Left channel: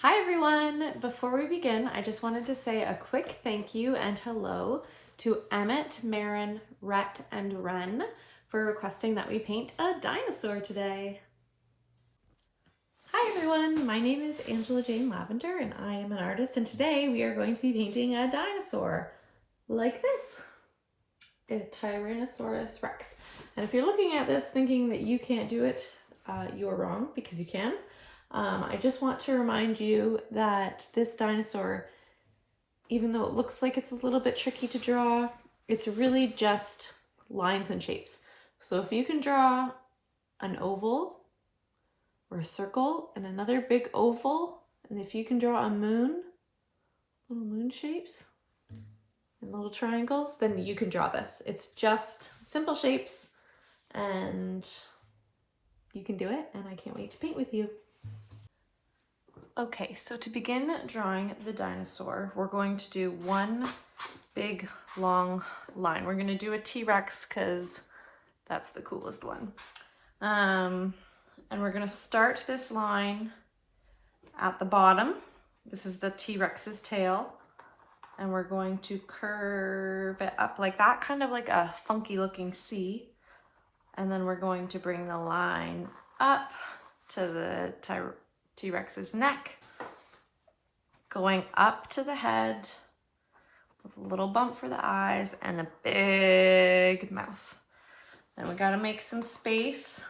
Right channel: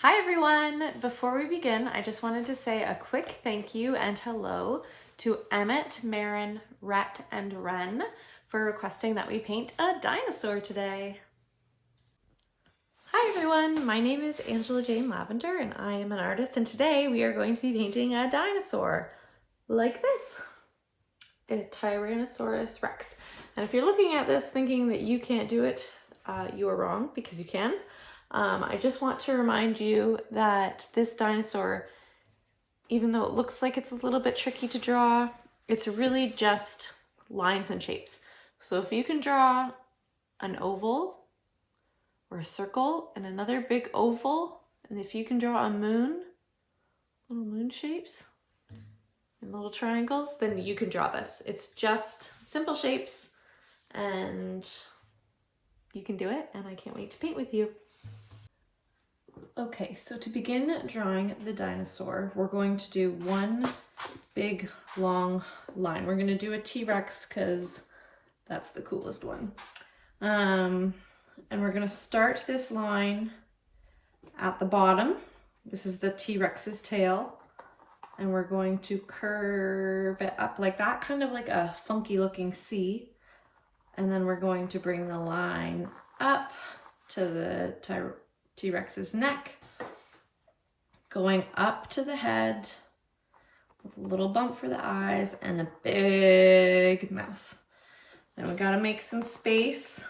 Hi everyone! Before we begin, I just wanted to say a quick thank you and hello to Emmett, Marin, Rhett, and Wren for requesting that we paint a dinosaur today. Hi everyone, my name is Angela Jane Lavender and I am an artist, and today we are going to be painting a dinosaur like this, a Tyrannosaurus Rex. And if you're looking at this thinking that you can't do it, you are wrong, because you can. I just want to remind you that this dinosaur, even though it looks like it's a little bit tricky to draw, it's really just lines and shapes. So if you can draw an oval or a circle and another big oval, and if you can draw a moon, little moon shapes and little triangles, then you can draw this. It's just simple shapes and you can do it, and I can't wait to paint with you. Okay, so to begin drawing the dinosaur, we're going to do one big long line. We're going to do a T-Rex because that's the coolest one. And we're going to start this line at the bottom. This is the T-Rex's tail. And we're going to curve it up like that, kind of like a funky looking C. And then we're going to bring the line up to the T-Rex's neck, going up to the head with a little bump for the eyes and a big mouth. Then we gotta make some space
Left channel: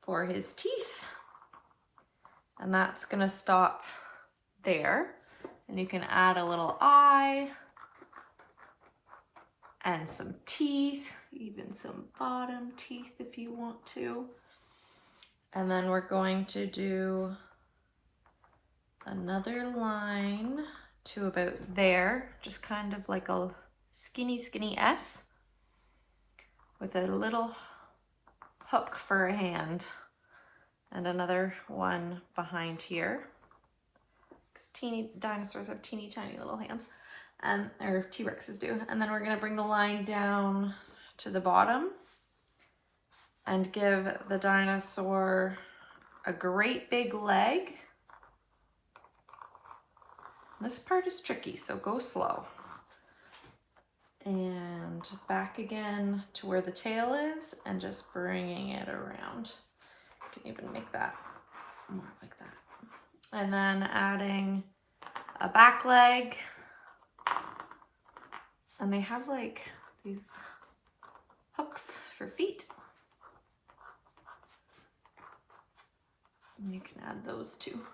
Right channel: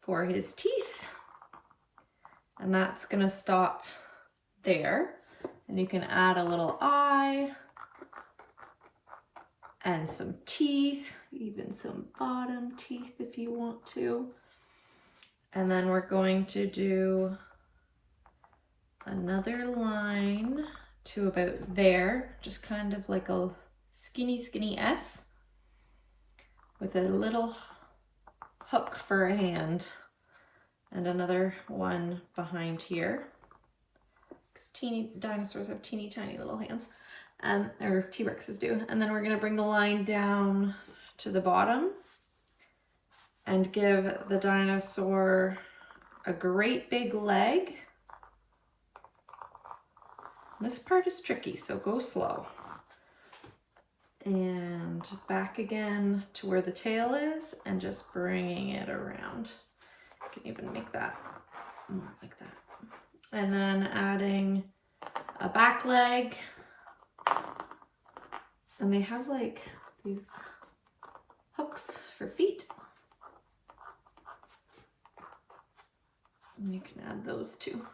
for his teeth, and that's gonna stop there. And you can add a little eye and some teeth, even some bottom teeth if you want to. And then we're going to do another line to about there, just kind of like a skinny S with a little hook for a hand, and another one behind here, because teeny dinosaurs have teeny tiny little hands, or T-Rexes do. And then we're going to bring the line down to the bottom and give the dinosaur a great big leg. This part is tricky, so go slow. And back again to where the tail is, and just bringing it around. You can even make that more like that. And then adding a back leg. And they have like these hooks for feet. And you can add those too.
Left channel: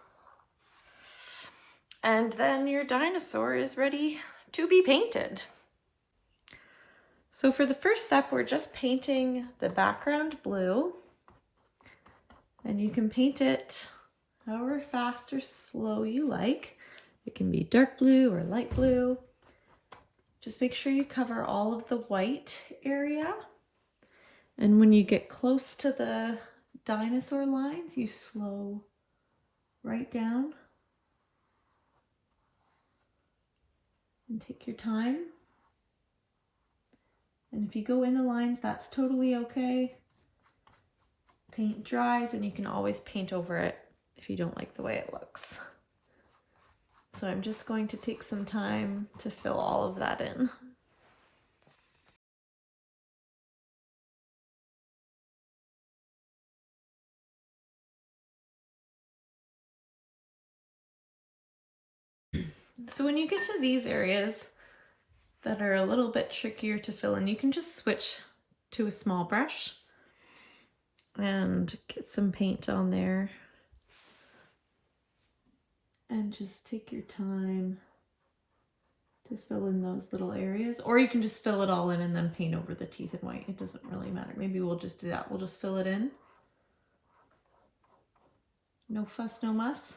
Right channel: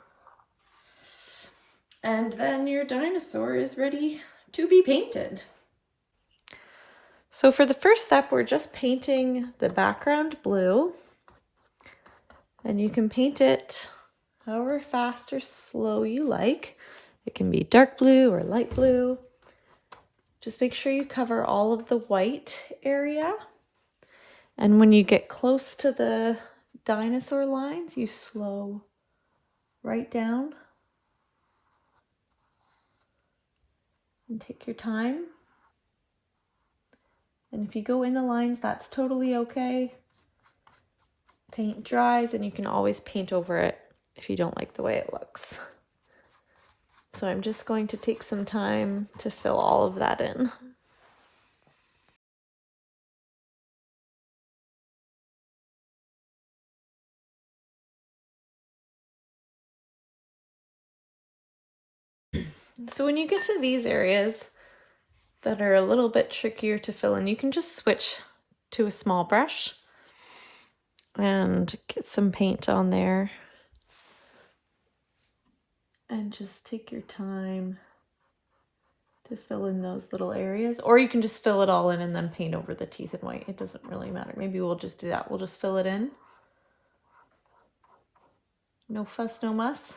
And then your dinosaur is ready to be painted. So for the first step, we're just painting the background blue. And you can paint it however fast or slow you like. It can be dark blue or light blue. Just make sure you cover all of the white area. And when you get close to the dinosaur lines, you slow right down and take your time. And if you go in the lines, that's totally okay. Paint dries and you can always paint over it if you don't like the way it looks. So I'm just going to take some time to fill all of that in. So when you get to these areas that are a little bit trickier to fill in, you can just switch to a small brush and get some paint on there. And just take your time to fill in those little areas. Or you can just fill it all in and then paint over the teeth in white. It doesn't really matter. Maybe we'll just do that. We'll just fill it in. No fuss, no muss.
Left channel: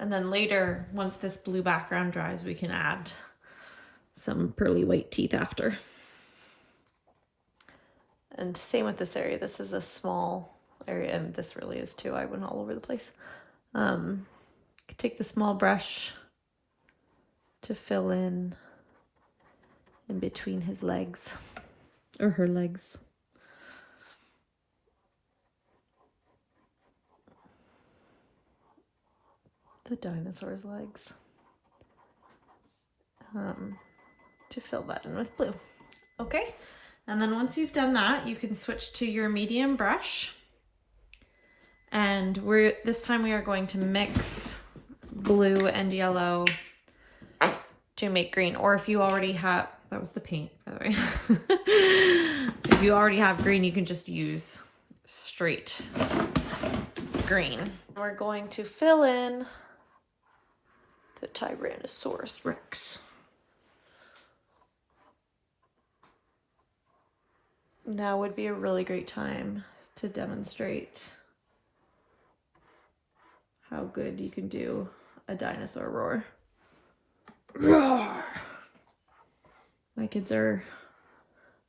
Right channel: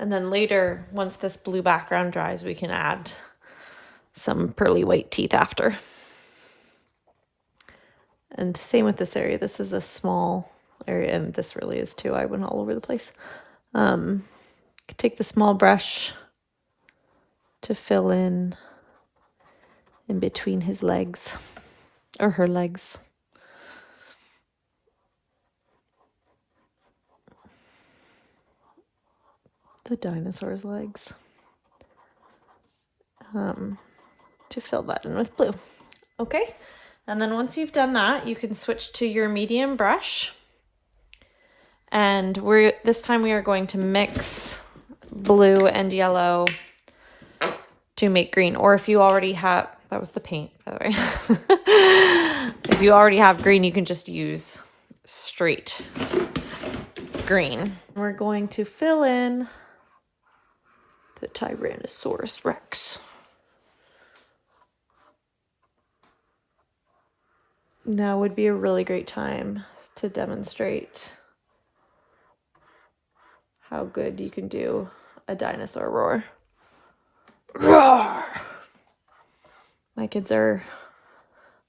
And then later, once this blue background dries, we can add some pearly white teeth after. And same with this area. This is a small area, and this really is too. I went all over the place. Take the small brush to fill in between his legs, or her legs. the dinosaur's legs to fill that in with blue. Okay, and then once you've done that, you can switch to your medium brush. And this time we are going to mix blue and yellow to make green. Or if you already have, that was the paint, by the way. If you already have green, you can just use straight green. We're going to fill in the Tyrannosaurus Rex. Now would be a really great time to demonstrate how good you can do a dinosaur roar. Roar! My kids are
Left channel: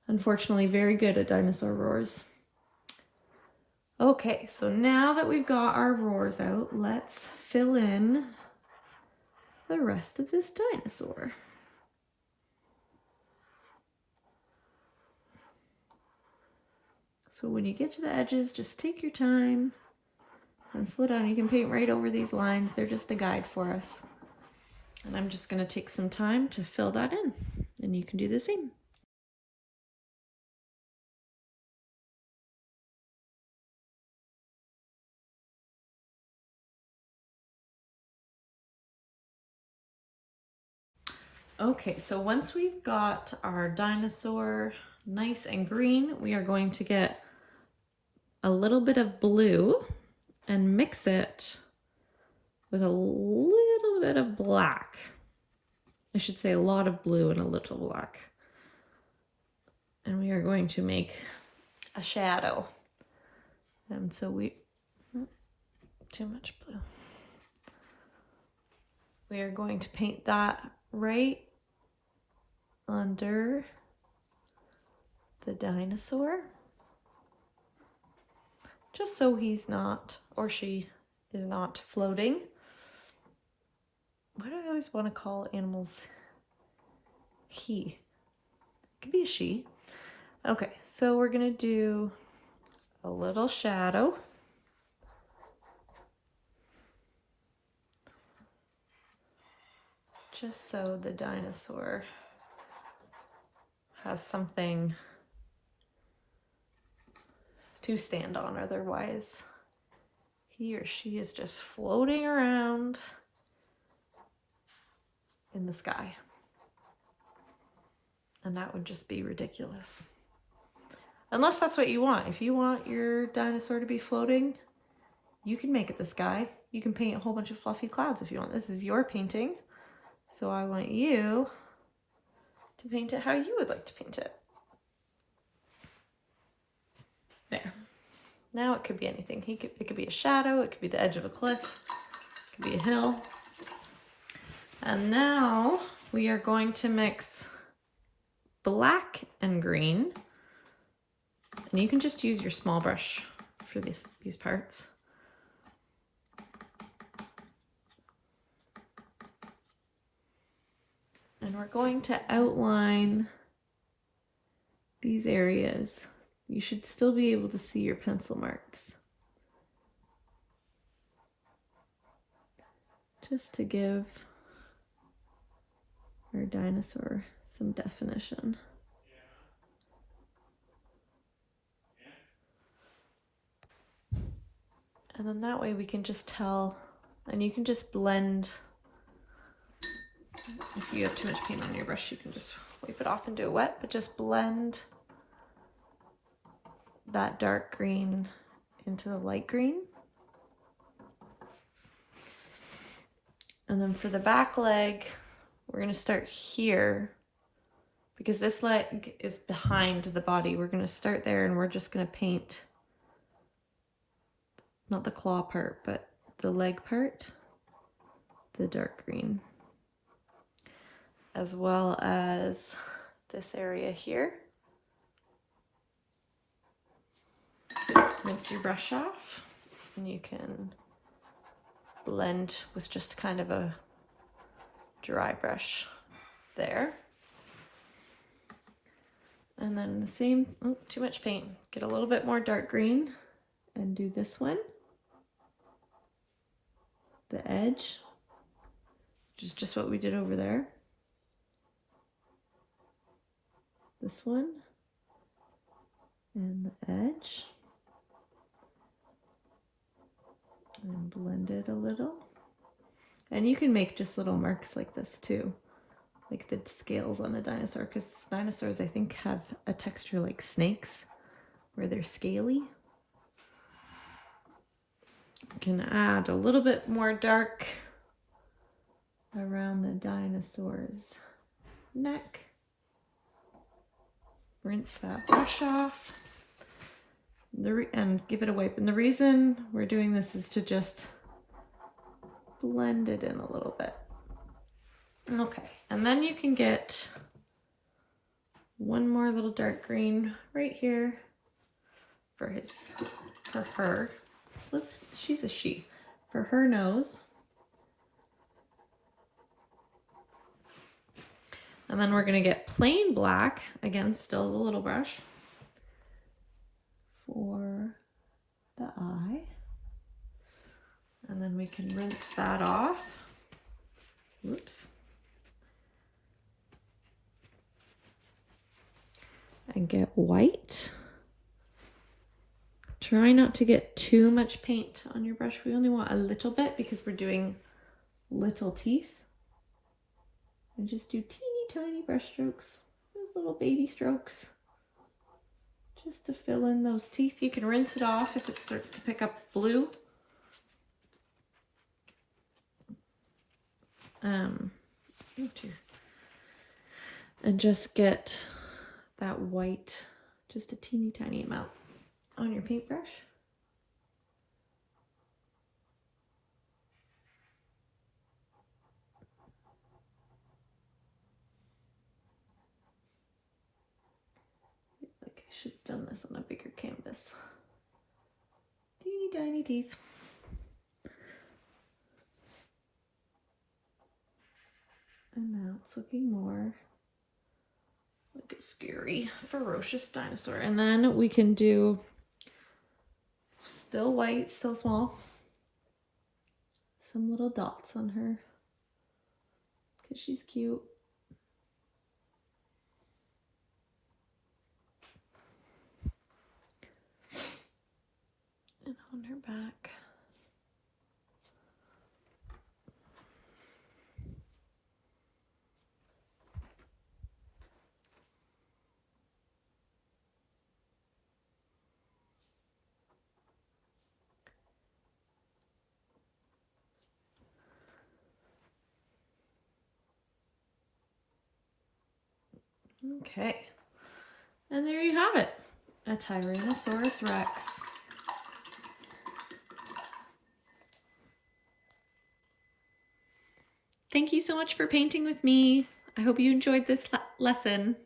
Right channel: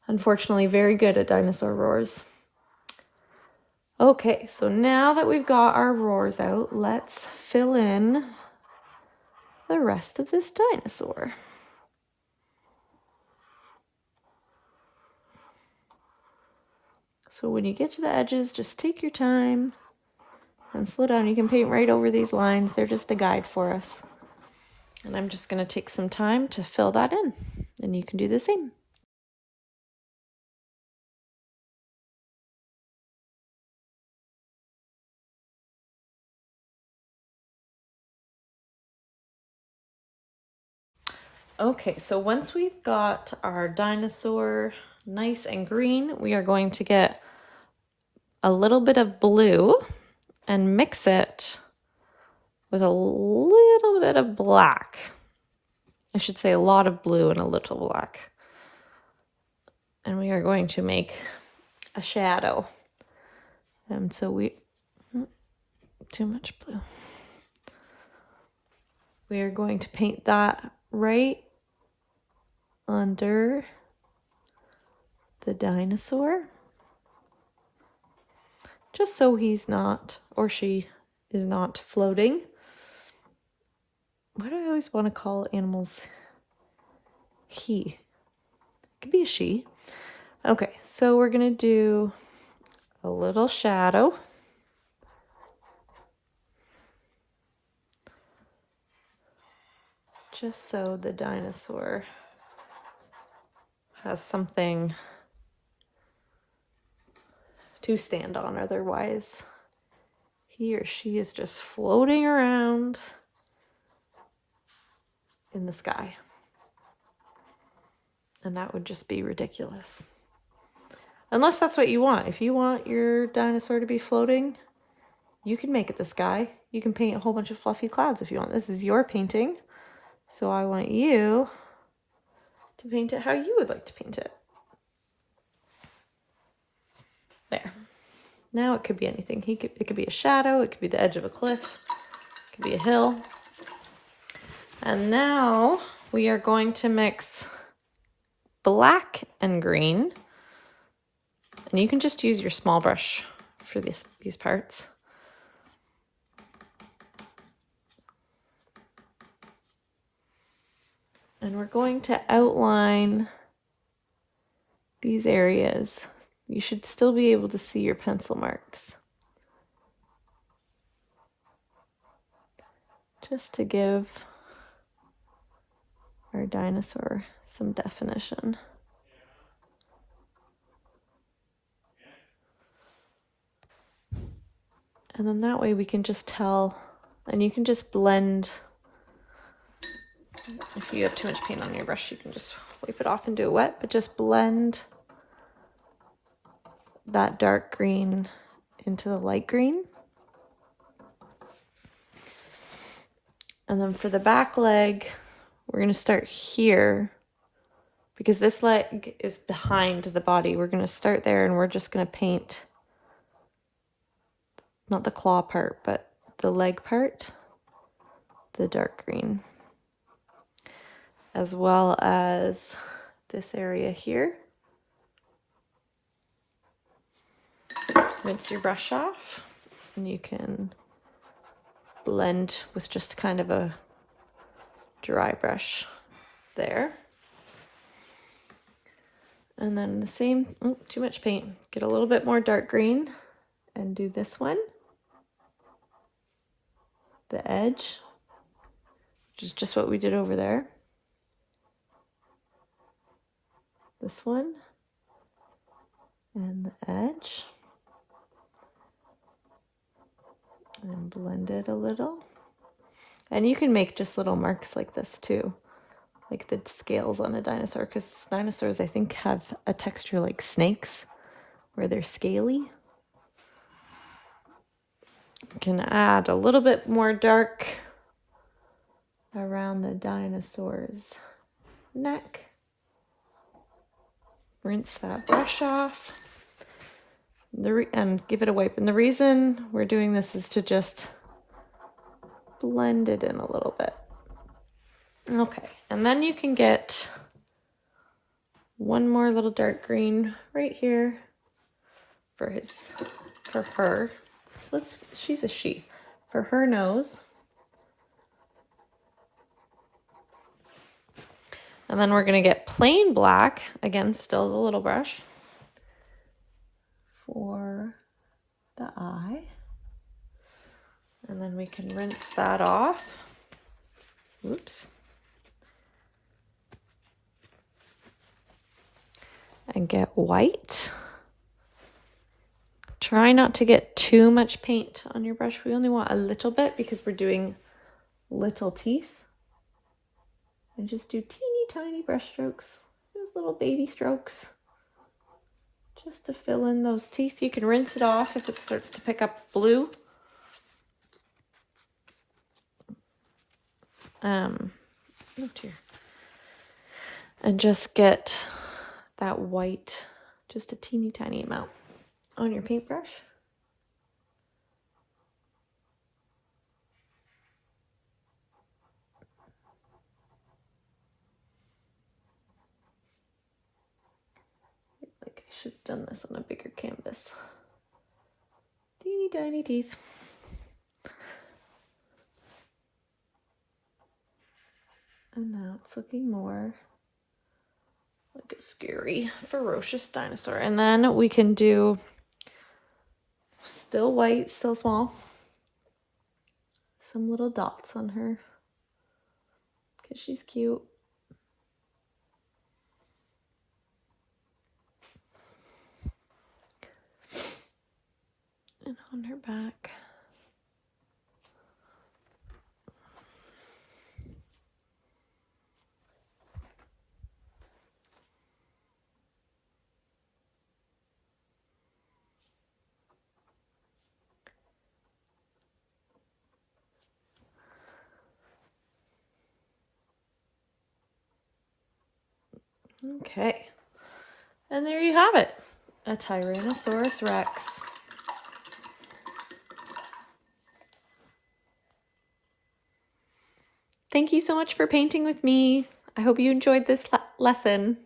unfortunately very good at dinosaur roars. Okay, so now that we've got our roars out, let's fill in the rest of this dinosaur. So when you get to the edges, just take your time and slow down. You can paint right over these lines. They're just a guide for us. And I'm just going to take some time to fill that in, and you can do the same. Okay, so once we've got our dinosaur nice and green, we are going to get a little bit of blue and mix it with a little bit of black. I should say a lot of blue and a little black. And we are going to make a shadow. And so too much blue. We are going to paint that right under the dinosaur, just so he's not, or she is not floating. Why do I always want to call animals he? It could be a she. Okay, so we're gonna do a little shadow. Just so the dinosaur has something to stand on, otherwise he or she is just floating around in the sky. And that would just be ridiculous. Unless that's what you want. If you want your dinosaur to be floating, you can make it the sky. You can paint a whole bunch of fluffy clouds if you want. This is your painting, so I want you to paint it how you would like to paint it. There. Now it could be anything. It could be a shadow, it could be the edge of a cliff, it could be a hill. And now we are going to mix black and green. And you can just use your small brush for these parts. And we're going to outline these areas. You should still be able to see your pencil marks, just to give our dinosaur some definition. And then that way we can just tell, and you can just blend. If you have too much paint on your brush, you can just wipe it off and do it wet, but just blend that dark green into the light green. And then for the back leg, we're going to start here because this leg is behind the body. We're going to start there, and we're just going to paint not the claw part, but the leg part, the dark green, as well as this area here. Rinse your brush off, and you can blend with just kind of a dry brush there. And then the same, too much paint. Get a little bit more dark green and do this one, the edge, which is just what we did over there. This one. And the edge. And blend it a little. And you can make just little marks like this too, like the scales on a dinosaur, because dinosaurs I think have a texture like snakes where they're scaly. You can add a little bit more dark around the dinosaur's neck. Rinse that brush off and give it a wipe. And the reason we're doing this is to just blend it in a little bit. Okay, and then you can get one more little dark green right here for her. She's a she. For her nose. And then we're gonna get plain black, again, still the little brush, for the eye. And then we can rinse that off. Oops. And get white. Try not to get too much paint on your brush. We only want a little bit because we're doing little teeth. And just do teeny tiny brush strokes, just little baby strokes, just to fill in those teeth. You can rinse it off if it starts to pick up blue. Oh dear. And just get that white, just a teeny tiny amount on your paintbrush. Like I should have done this on a bigger canvas. Teeny tiny teeth. And now it's looking more like a scary, ferocious dinosaur. And then we can do still white, still small. Some little dots on her because she's cute. And on her back. Okay, and there you have it, a Tyrannosaurus Rex. Thank you so much for painting with me. I hope you enjoyed this lesson.